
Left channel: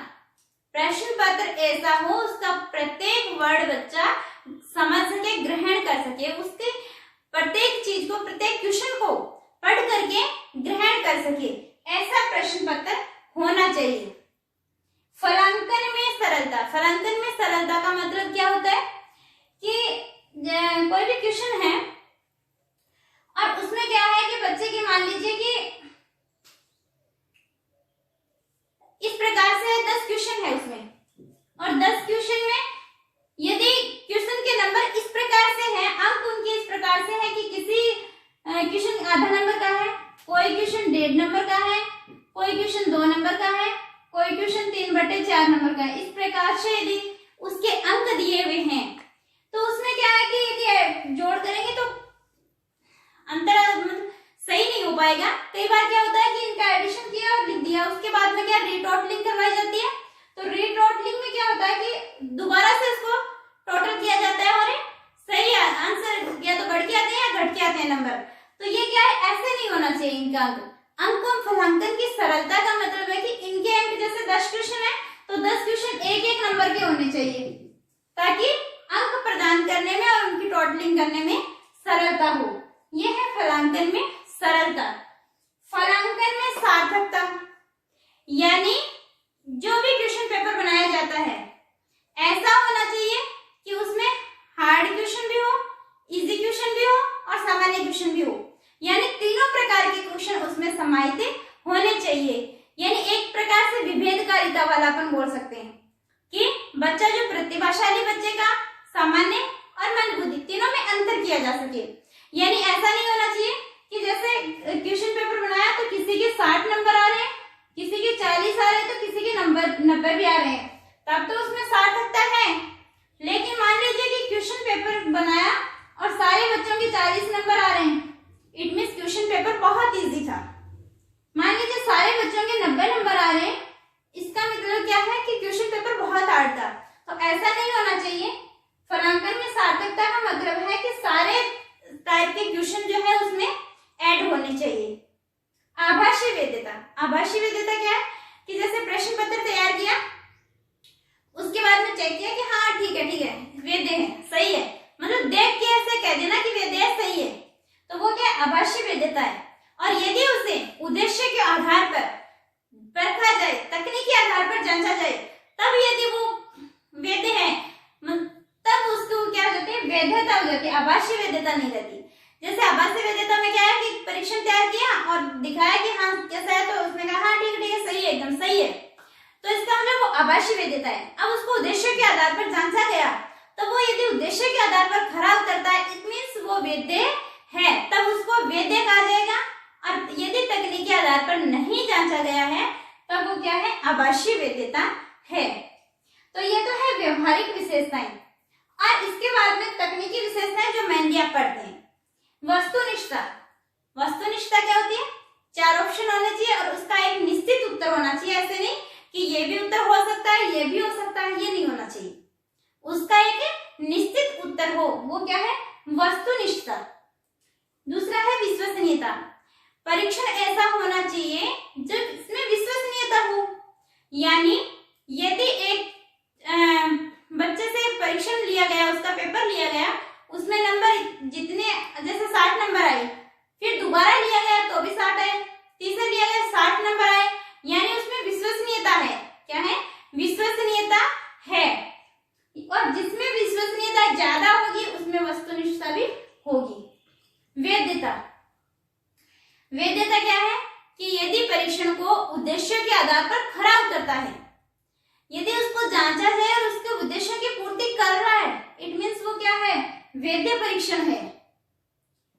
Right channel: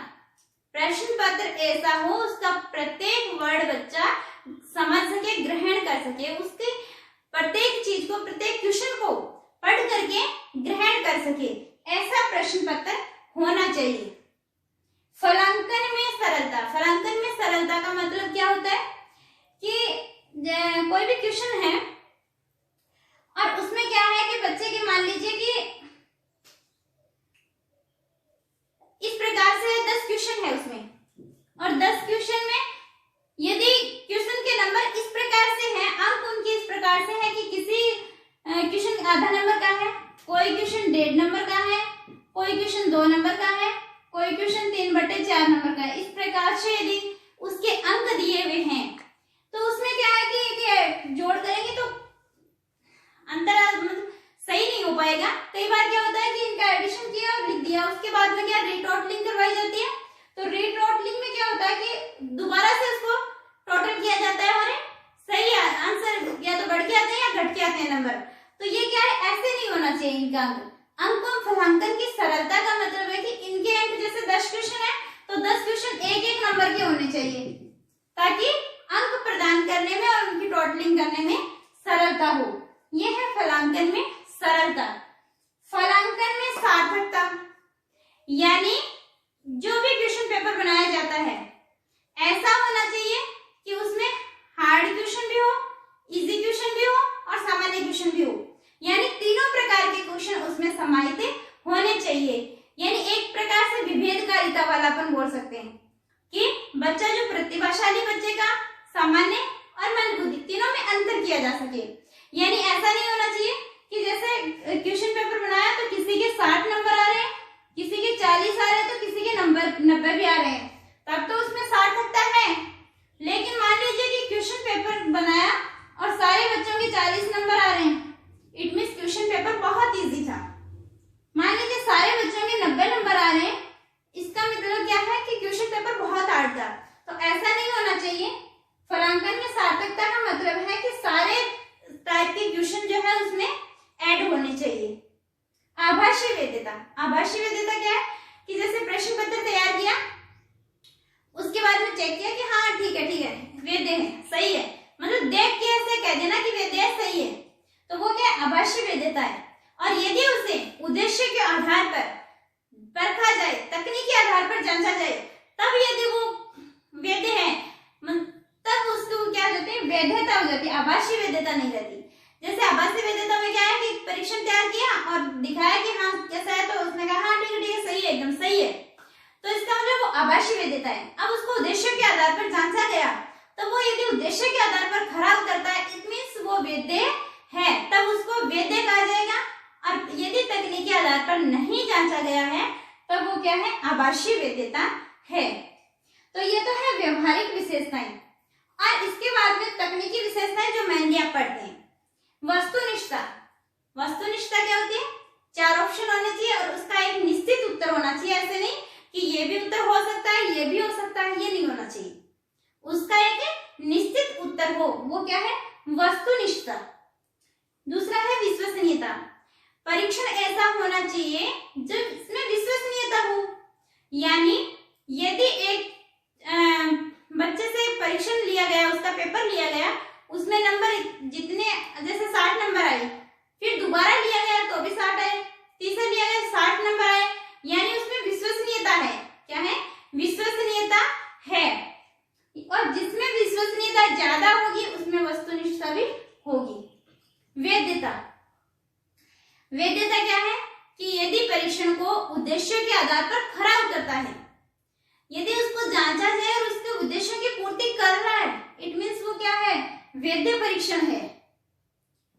प्रश्न पत्र ऐसा हो उसका प्रत्येक वर्ड बच्चा समझ सके, ग्रहण कर सके, उसके प्रत्येक चीज को, प्रत्येक क्वेश्चन को पढ़ करके ग्रहण कर सके, ऐसा प्रश्न पत्र होना चाहिए। फलांकन में सरलता, फलांकन में सरलता का मतलब क्या होता है कि कोई भी क्वेश्चन है और उसमें क्या है कि बच्चे के मान लीजिए कि इस प्रकार से 10 क्वेश्चन है उसमें और 10 क्वेश्चन में यदि क्वेश्चन के नंबर इस प्रकार से हैं, अंक उनके इस प्रकार से है कि किसी क्वेश्चन आधा नंबर का है, कोई क्वेश्चन 1.5 नंबर का है, कोई क्वेश्चन 2 नंबर का है, कोई क्वेश्चन 3/4 नंबर का है, इस प्रकार से यदि उसके अंक दिए हुए हैं तो उसमें क्या है कि यदि जोड़ करेंगे तो अंतर सही नहीं हो पाएगा। कई बार क्या होता है कि इनका एडिशन किया और लिख दिया, उसके बाद में क्या रीटोटलिंग करवाई जाती है, तो रीटोटलिंग में क्या होता है कि दोबारा से उसको टोटल किया जाता है और सही आंसर या तो बढ़ के आते हैं या घट के आते हैं नंबर। तो ये क्या है, ऐसे नहीं होना चाहिए इनका अंक। अंकों फलांकन की सरलता का मतलब है कि इनके अंक जैसे 10 क्वेश्चन है तो 10 क्वेश्चन एक एक नंबर के होने चाहिए ताकि अंक प्रदान करने में और उनकी टोटलिंग करने में सरलता हो। यह है फलांकन में सरलता। फलांकन में सार्थकता, यानी जो भी क्वेश्चन पेपर बनाया जाता है ऐसा होना चाहिए कि उसमें हार्ड क्वेश्चन भी हो, इजी क्वेश्चन भी हो और सामान्य क्वेश्चन भी हो, यानी तीनों प्रकार के क्वेश्चन उसमें समाहित होने चाहिए। यानी एक प्रकार से विभेदकारिता वाला अपन बोल सकते हैं कि बच्चा जो प्रतिभाशाली बच्चे का सामान्य और मंदबुद्धि तीनों में अंतर किया जा सके। यानी ऐसा नहीं होना चाहिए कि जैसे क्वेश्चन पेपर बनाया तो किसी के 60 नंबर आ रहे हैं, किसी के 40 आ रहे हैं, तो किसी के नंबर 90 भी आ रहे हैं, तब तो उसमें सार्थकता है। लेकिन मान लीजिए कि क्वेश्चन पेपर बनाया और सारे बच्चों के 40 नंबर आ रहे हैं, इट मींस क्वेश्चन पेपर बहुत इजी था। मान लीजिए सारे बच्चों के 90 नंबर आ रहे हैं, इसका मतलब क्या है कि क्वेश्चन पेपर बहुत हार्ड था। तो ऐसा नहीं होना चाहिए। फलांकन में सार्थकता का मतलब है कि सारे टाइप के क्वेश्चन जो है उसमें ऐड होने चाहिए। आभासी वैधता, आभासी वैधता क्या है कि जैसे प्रश्न पत्र तैयार किया आधार पर जांचा जाए तब यदि वो वैध है तब उसको क्या हो जाती है, वैधता हो जाती है, आभासी वैधता नहीं रहती। जैसे आभासी वैधता में क्या है कि परीक्षण तैयार किया और दिखाया कि हाँ कैसा है, तो उसने कहा हाँ ठीक है सही है, एकदम सही है, तो इसका मतलब वो आभासी वैधता है। अब उसको उद्देश्य के आधार पर जांचा गया, तो वो यदि उद्देश्य के आधार पर खरा उतरता है, इट मींस वो वैध है, तब उसको वैध कहा जाएगा। और यदि तकनीकी आधार पर नहीं जांचा गया है तब वो क्या है, आभासी वैधता है। तो ये तो है व्यवहारिक विशेषताएं। और इसके बाद में तकनीकी विशेषताएं जो मेनली आप पढ़ते हैं। वस्तुनिष्ठता, वस्तुनिष्ठता क्या होती है, 4 ऑप्शन होने चाहिए और उसका एक निश्चित उत्तर होना चाहिए। ऐसे नहीं कि ये भी उत्तर हो सकता है, ये भी हो सकता है, ये नहीं होना चाहिए, उसका एक निश्चित उत्तर हो, वो क्या है, वस्तुनिष्ठता। दूसरा है विश्वसनीयता, परीक्षण ऐसा होना चाहिए जो इसमें विश्वसनीयता हो, यानी यदि एक बच्चे से परीक्षण लिया गया, उसका पेपर लिया गया, उसमें नंबर जितने जैसे 60 नंबर आए, फिर दोबारा लिया गया तो भी 60 आए, तीसरा लिया गया 60 नंबर आए, यानी उसमें विश्वसनीयता है। क्या है, विश्वसनीयता है। और जिसमें विश्वसनीयता ज्यादा होगी उसमें वस्तुनिष्ठता भी होगी। वैधता, वैधता क्या है कि यदि परीक्षण को उद्देश्य के आधार पर खरा उतरता है, यदि उसको जांचा जाए और उसके उद्देश्य की पूर्ति कर रहा है, इट मींस वो क्या है, वैध परीक्षण है।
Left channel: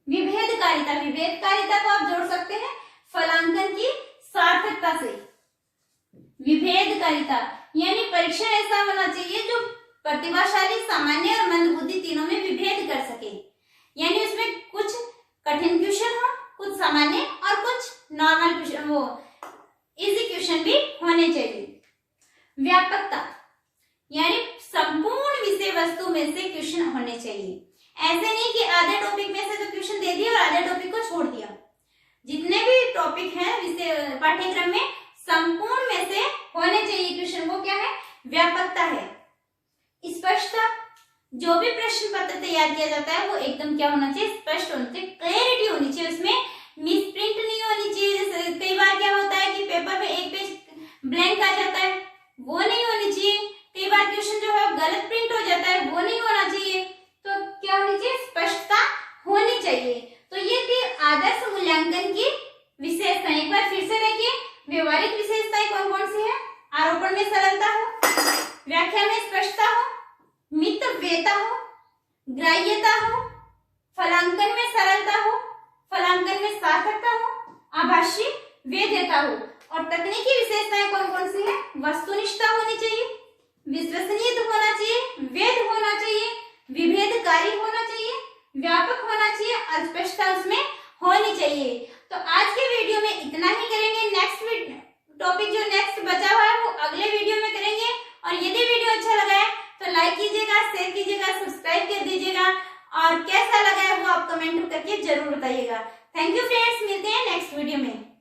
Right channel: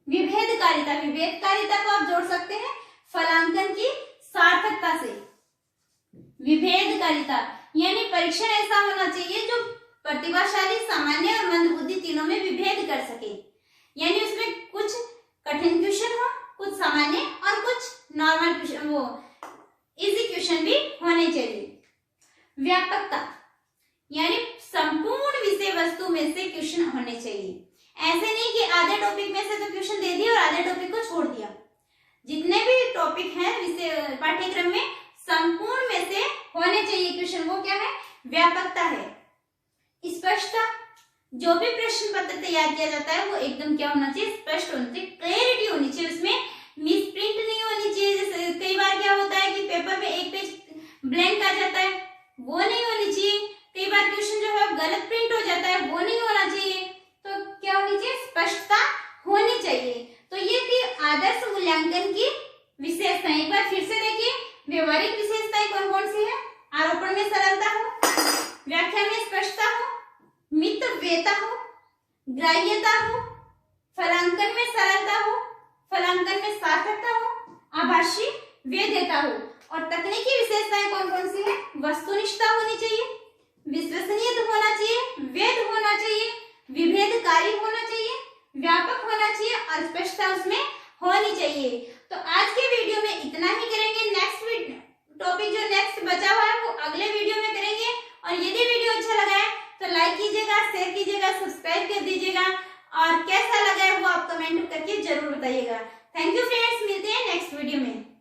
विभेदकारिता, विभेदकारिता को आप जोड़ सकते हैं फलांकन की सार्थकता से। विभेदकारिता यानी परीक्षण ऐसा होना चाहिए जो प्रतिभाशाली, सामान्य और मंदबुद्धि तीनों में विभेद कर सके, यानी उसमें कुछ कठिन क्वेश्चन हो, कुछ सामान्य और कुछ नॉर्मल क्वेश्चन, वो इजी क्वेश्चन भी होने चाहिए। व्यापकता यानी संपूर्ण विषय वस्तु में से क्वेश्चन होने चाहिए। ऐसे नहीं कि आधे टॉपिक में से तो क्वेश्चन दे दिया और आधे टॉपिक को छोड़ दिया। जितने भी टॉपिक हैं विषय पाठ्यक्रम में, संपूर्ण में से होने चाहिए क्वेश्चन, वो क्या है, व्यापकता है। स्पष्टता, जो भी प्रश्न पत्र तैयार किया जाता है वो एकदम क्या होना चाहिए, स्पष्ट होना चाहिए, क्लैरिटी होनी चाहिए, उसमें मिसप्रिंट नहीं होनी चाहिए। जैसे कई बार क्या होता है कि पेपर में एक पेज ब्लैंक आ जाता है, वो नहीं होनी चाहिए। कई बार क्वेश्चन जो है गलत प्रिंट हो जाता है, वो नहीं होना चाहिए। तो क्या होनी चाहिए, स्पष्टता होनी चाहिए। तो ये थी आदर्श मूल्यांकन की विशेषताएं। एक बार फिर से देखिए, व्यवहारिक विशेषताएं कौन कौन सी है, आरोपण में सरलता हो, व्याख्या में स्पष्टता हो, मितव्ययता हो, ग्राह्यता हो, फलांकन में सरलता हो, फलांकन में सार्थकता हो, आभासी वैधता हो। और तकनीकी विशेषताएं कौन कौन सी है, वस्तुनिष्ठता होनी चाहिए, विश्वसनीय होना चाहिए, वैध होना चाहिए, विभेदकारी होना चाहिए, व्यापक होना चाहिए और स्पष्टता उसमें होनी चाहिए। तो आज के वीडियो में इतना ही करेंगे। नेक्स्ट टॉपिक जो नेक्स्ट बचा हुआ है वो अगले वीडियो में करेंगे। और यदि वीडियो अच्छा लगा है तो लाइक कीजिएगा, शेयर कीजिएगा, सब्सक्राइब कर दीजिएगा और कैसा लगा है वो आप कमेंट करके जरूर बताइएगा। थैंक यू फ्रेंड्स, मिलते हैं नेक्स्ट वीडियो में।